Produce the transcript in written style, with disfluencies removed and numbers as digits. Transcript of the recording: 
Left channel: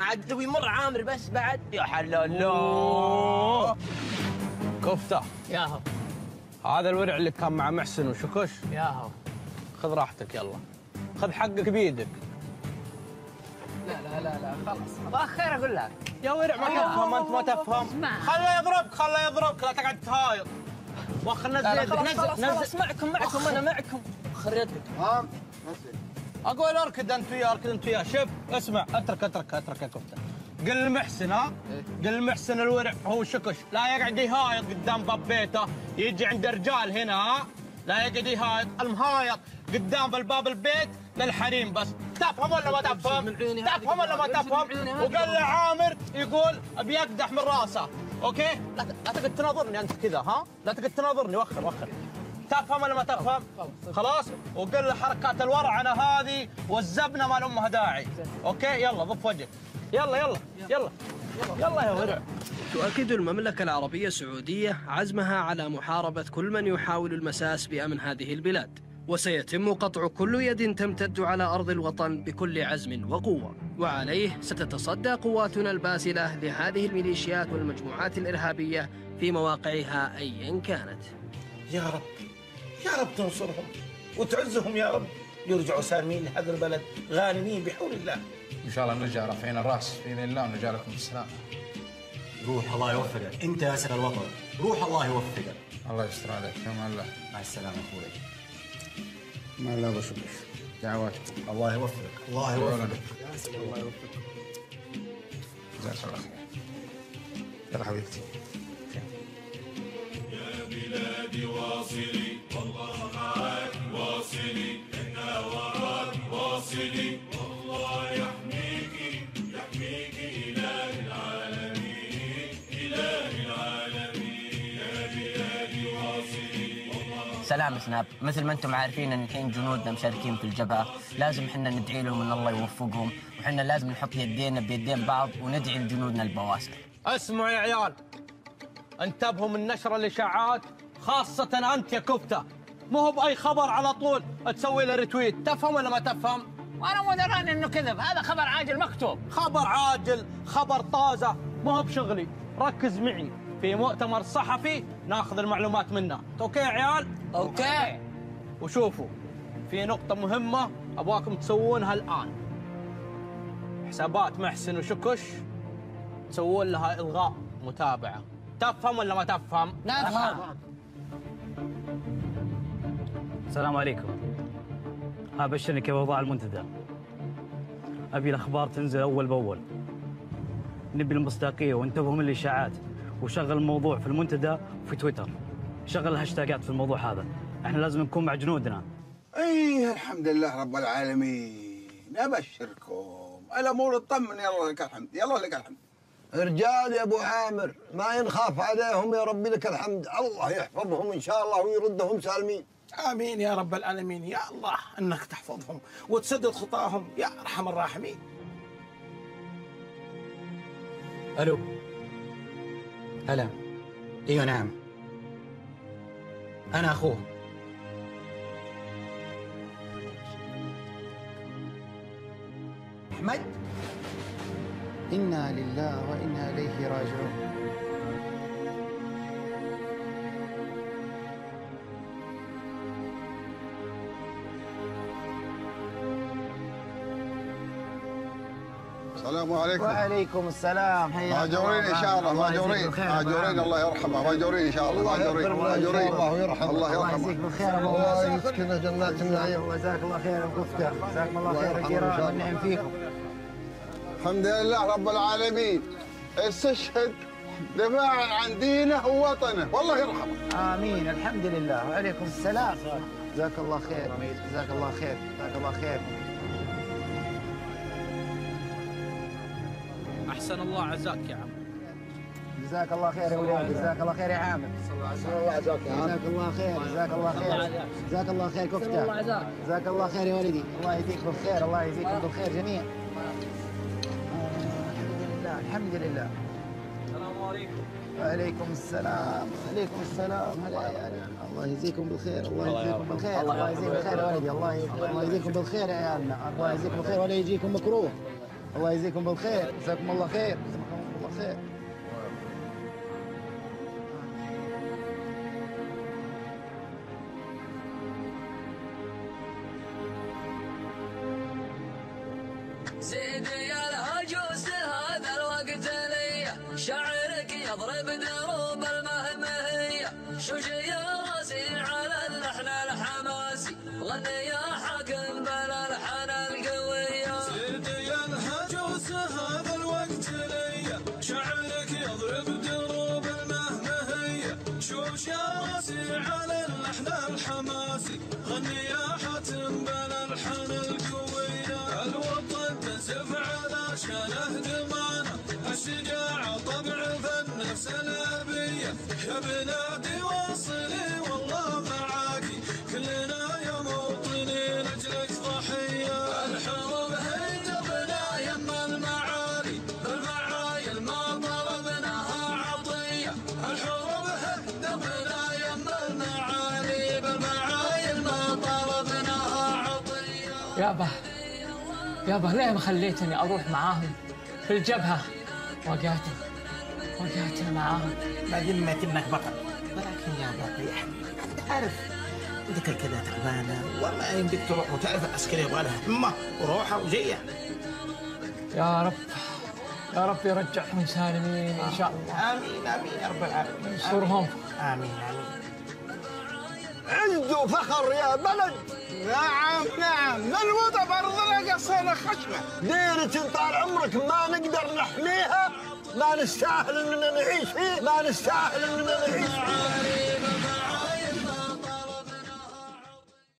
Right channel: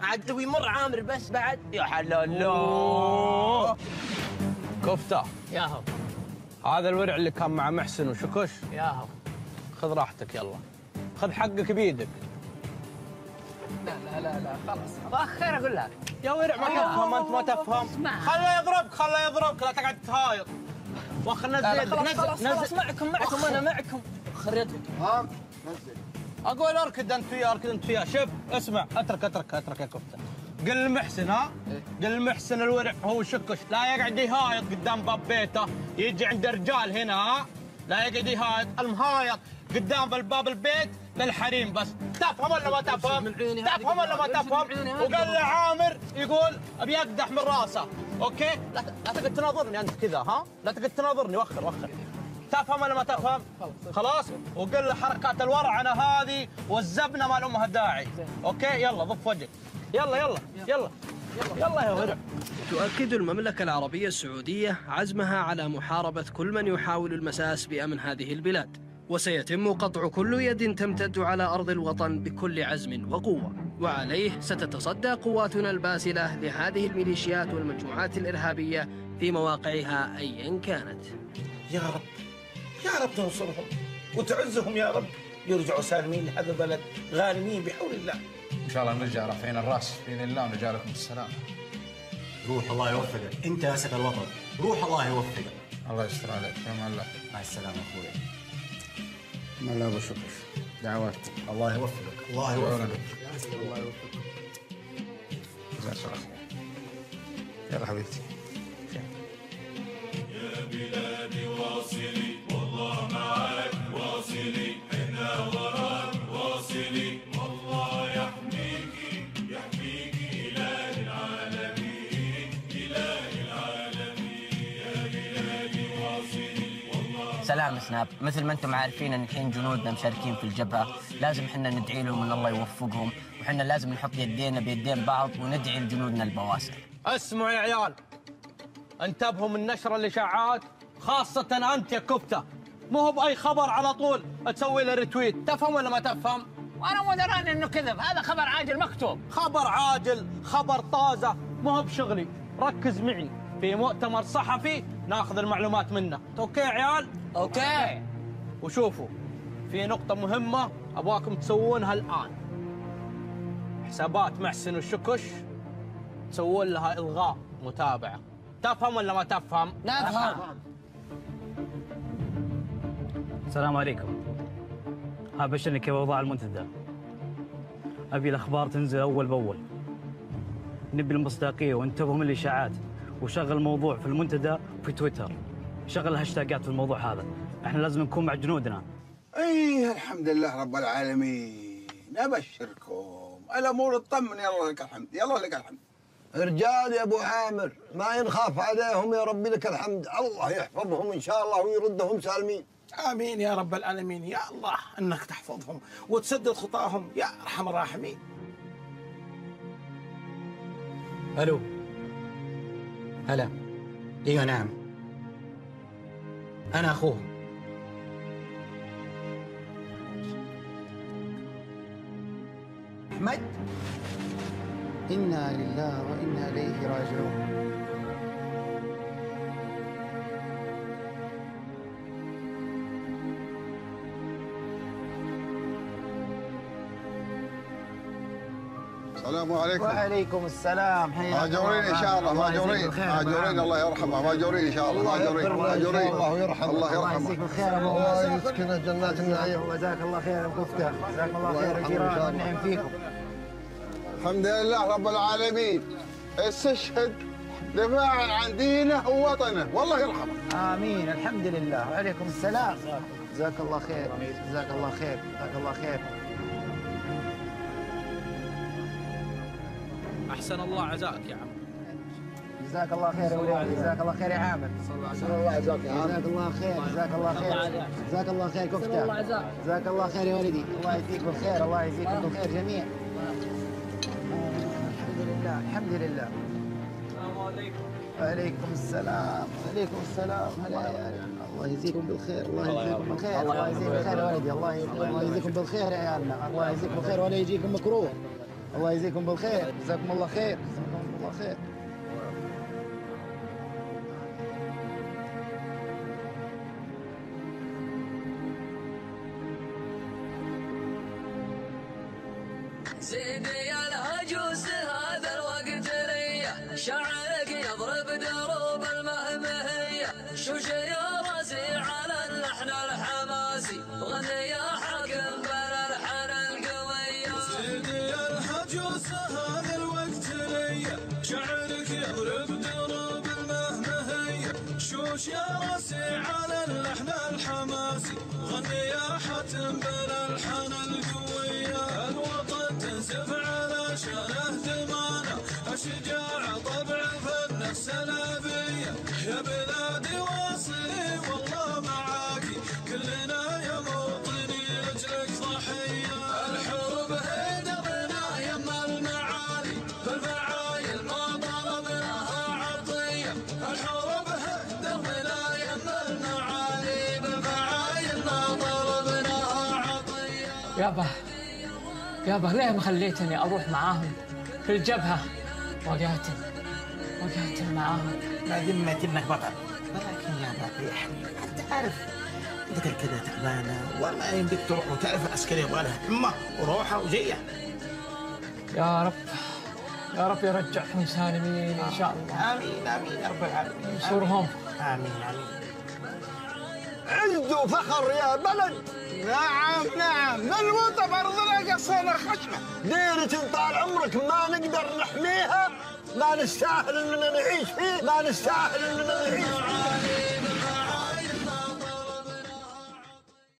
عاد تبي مر عامر بس بعد يا حلال. كفتة ياهو هذا الورع اللي كان مع محسن وشكش. ياهو خذ راحتك يلا، خذ حقك بيدك. لا خلاص خير اقول لك يا ورع ما تفهم انت ما تفهم. خله يضربك لا تقعد تهايط. خلنا ننزل معكم انا معكم. خريتك اقول اركد انت وياه شوف اسمع اترك يا كفته. قل لمحسن قل لمحسن الورع هو شكش لا يقعد يهايط قدام باب بيته. يجي عند رجال هنا لا يقعد يهايط. المهايط قدام الباب البيت للحريم بس. تفهم ولا ما تفهم؟ تفهم ولا ما تفهم؟ وقال له عامر يقول ابي اقدح من راسه. اوكي؟ لا تقعد تناظرني انت كذا لا تقعد تناظرني. وخر تفهم ولا ما تفهم؟ خلاص؟ وقل له حركات الورعنه هذه والزبنه ما لها داعي. اوكي؟ يلا ضف وجهك. يلا يا ورع. تؤكد المملكة العربية السعودية عزمها على محاربة كل من يحاول المساس بأمن هذه البلاد، وسيتم قطع كل يد تمتد على أرض الوطن بكل عزم وقوة، وعليه ستتصدى قواتنا الباسلة لهذه الميليشيات والمجموعات الإرهابية في مواقعها أيا كانت. يا رب تنصرهم وتعزهم يا رب، يرجعوا سالمين لهذا البلد غانمين بحول الله. ان شاء الله نرجع رافعين الراس باذن الله ونرجع لكم بالسلامه. روح الله يوفقك، انت اسد الوطن، روح الله يوفقك. الله يستر منك، تمام الله. مع السلامه اخوي. مع الله وشكر دعوات. الله يوفقك الله يوفقك. الله يوفقك. يا حبيبتي. يا بلادي واصلي والله معاك واصلي، احنا وراك واصلي، والله يحميكي إله العالمين إله العالمين. يا بلادي واصلي والله. سلام سناب، مثل ما انتم عارفين ان الحين جنودنا مشاركين في الجبهه، لازم احنا ندعي لهم ان الله يوفقهم، وحنا لازم نحط يدينا بيدين بعض وندعي لجنودنا البواسل. اسمعوا يا عيال، انتبهوا من نشر الاشاعات، خاصة انت يا كفتة. مو باي خبر على طول تسوي له ريتويت. تفهم ولا ما تفهم؟ وانا مو دراني انه كذب، هذا خبر عاجل مكتوب. خبر عاجل، خبر طازة، مو بشغلي. ركز معي في مؤتمر صحفي ناخذ المعلومات منه. اوكي يا عيال؟ اوكي. وشوفوا في نقطة مهمة ابغاكم تسوونها الان. حسابات محسن وشكش تسوون لها الغاء متابعة. تفهم ولا ما تفهم؟ لا افهم. السلام عليكم. ابشرك كيف اوضاع المنتدى. ابي الاخبار تنزل اول باول. نبي المصداقيه وانتبهوا من الاشاعات، وشغل الموضوع في المنتدى وفي تويتر. شغل الهاشتاجات في الموضوع هذا. احنا لازم نكون مع جنودنا. ايه الحمد لله رب العالمين. ابشركم الامور اطمن. يلا لك الحمد، يلا لك الحمد. رجال يا ابو عامر ما ينخاف عليهم يا ربي، لك الحمد. الله يحفظهم ان شاء الله ويردهم سالمين. امين يا رب العالمين. يا الله انك تحفظهم وتسدد خطاهم يا ارحم الراحمين. الو. هلا. ايوه نعم، انا اخوهم. احمد، انا لله وانا اليه راجعون. السلام عليكم. وعليكم السلام. ماجورين ان شاء الله، ماجورين الله يرحمه، ماجورين ان شاء الله، ماجورين الله يرحمه. الله يجزيك الخير. الله يسكن جنات النعيم. جزاك الله خير ابو فتح، جزاك الله خير فيكم. الحمد لله رب العالمين. استشهد دفاعا عن دينه ووطنه، والله يرحمه. امين. الحمد لله. وعليكم السلام. جزاك الله خير. جزاك الله خير. جزاك الله خير. احسن الله عزاك يا عم. جزاك الله خير يا وليد. جزاك الله خير يا عامر. جزاك الله خير. جزاك الله خير. جزاك الله خير كفتة. جزاك الله خير يا وليدي. الله يجزيك بالخير. الله يجزيكم بالخير جميعا. الحمد لله. السلام عليكم. وعليكم السلام. وعليكم السلام. هلا. الله يجزيكم بالخير. الله يجزيكم بالخير. الله يجزيكم بالخير. الله يجزيكم بالخير يا عيالنا. الله يجزيكم بالخير ولا يجيكم مكروه. الله يجزيكم بالخير، جزاكم الله خير، جزاكم الله خير. زيدي يا العجوز هذا الوقت ليا، شعرك يضرب دروب المهمهية، شوش يا راسي على اللحن الحماسي، غني يا حاكم بالالحان القوية. زيدي يا العجوز هذا الوقت ليا، شعرك يضرب دروب المهمهية، شوش يا راسي على اللحن الحماسي، غني يا حاتم بالالحان القوية. الوطن تنزف على شانه دمانه، الشجاعة طبع في النفس الأبية، يا بلادي واصلي والله معاكي، كلنا يا موطني لجلك ضحية. الحروب هي دربنا يما المعالي، بالفعايل ما طلبناها عطية. الحروب هي دربنا يما المعالي، بالفعايل ما طلبناها عطية. يابا ليه ما خليتني اروح معاهم في الجبهه؟ وقعت معاهم. لا ذمة انك بطل، ولكن يا ابو انت عارف انت كلكلها تعبانه، وما يمديك تروح وتعرف العسكري يبغى لها همه وروحه وجيه. يا رب يرجعهم سالمين ان شاء الله. امين امين يا رب العالمين. ينصرهم. امين امين. عز وفخر يا بلد. نعم الوطن ارضنا قصينا خشمه، دينة طال عمرك ما نقدر نحميها، ما نستاهل اننا نعيش فيه، ما نستاهل اننا نعيش فيه.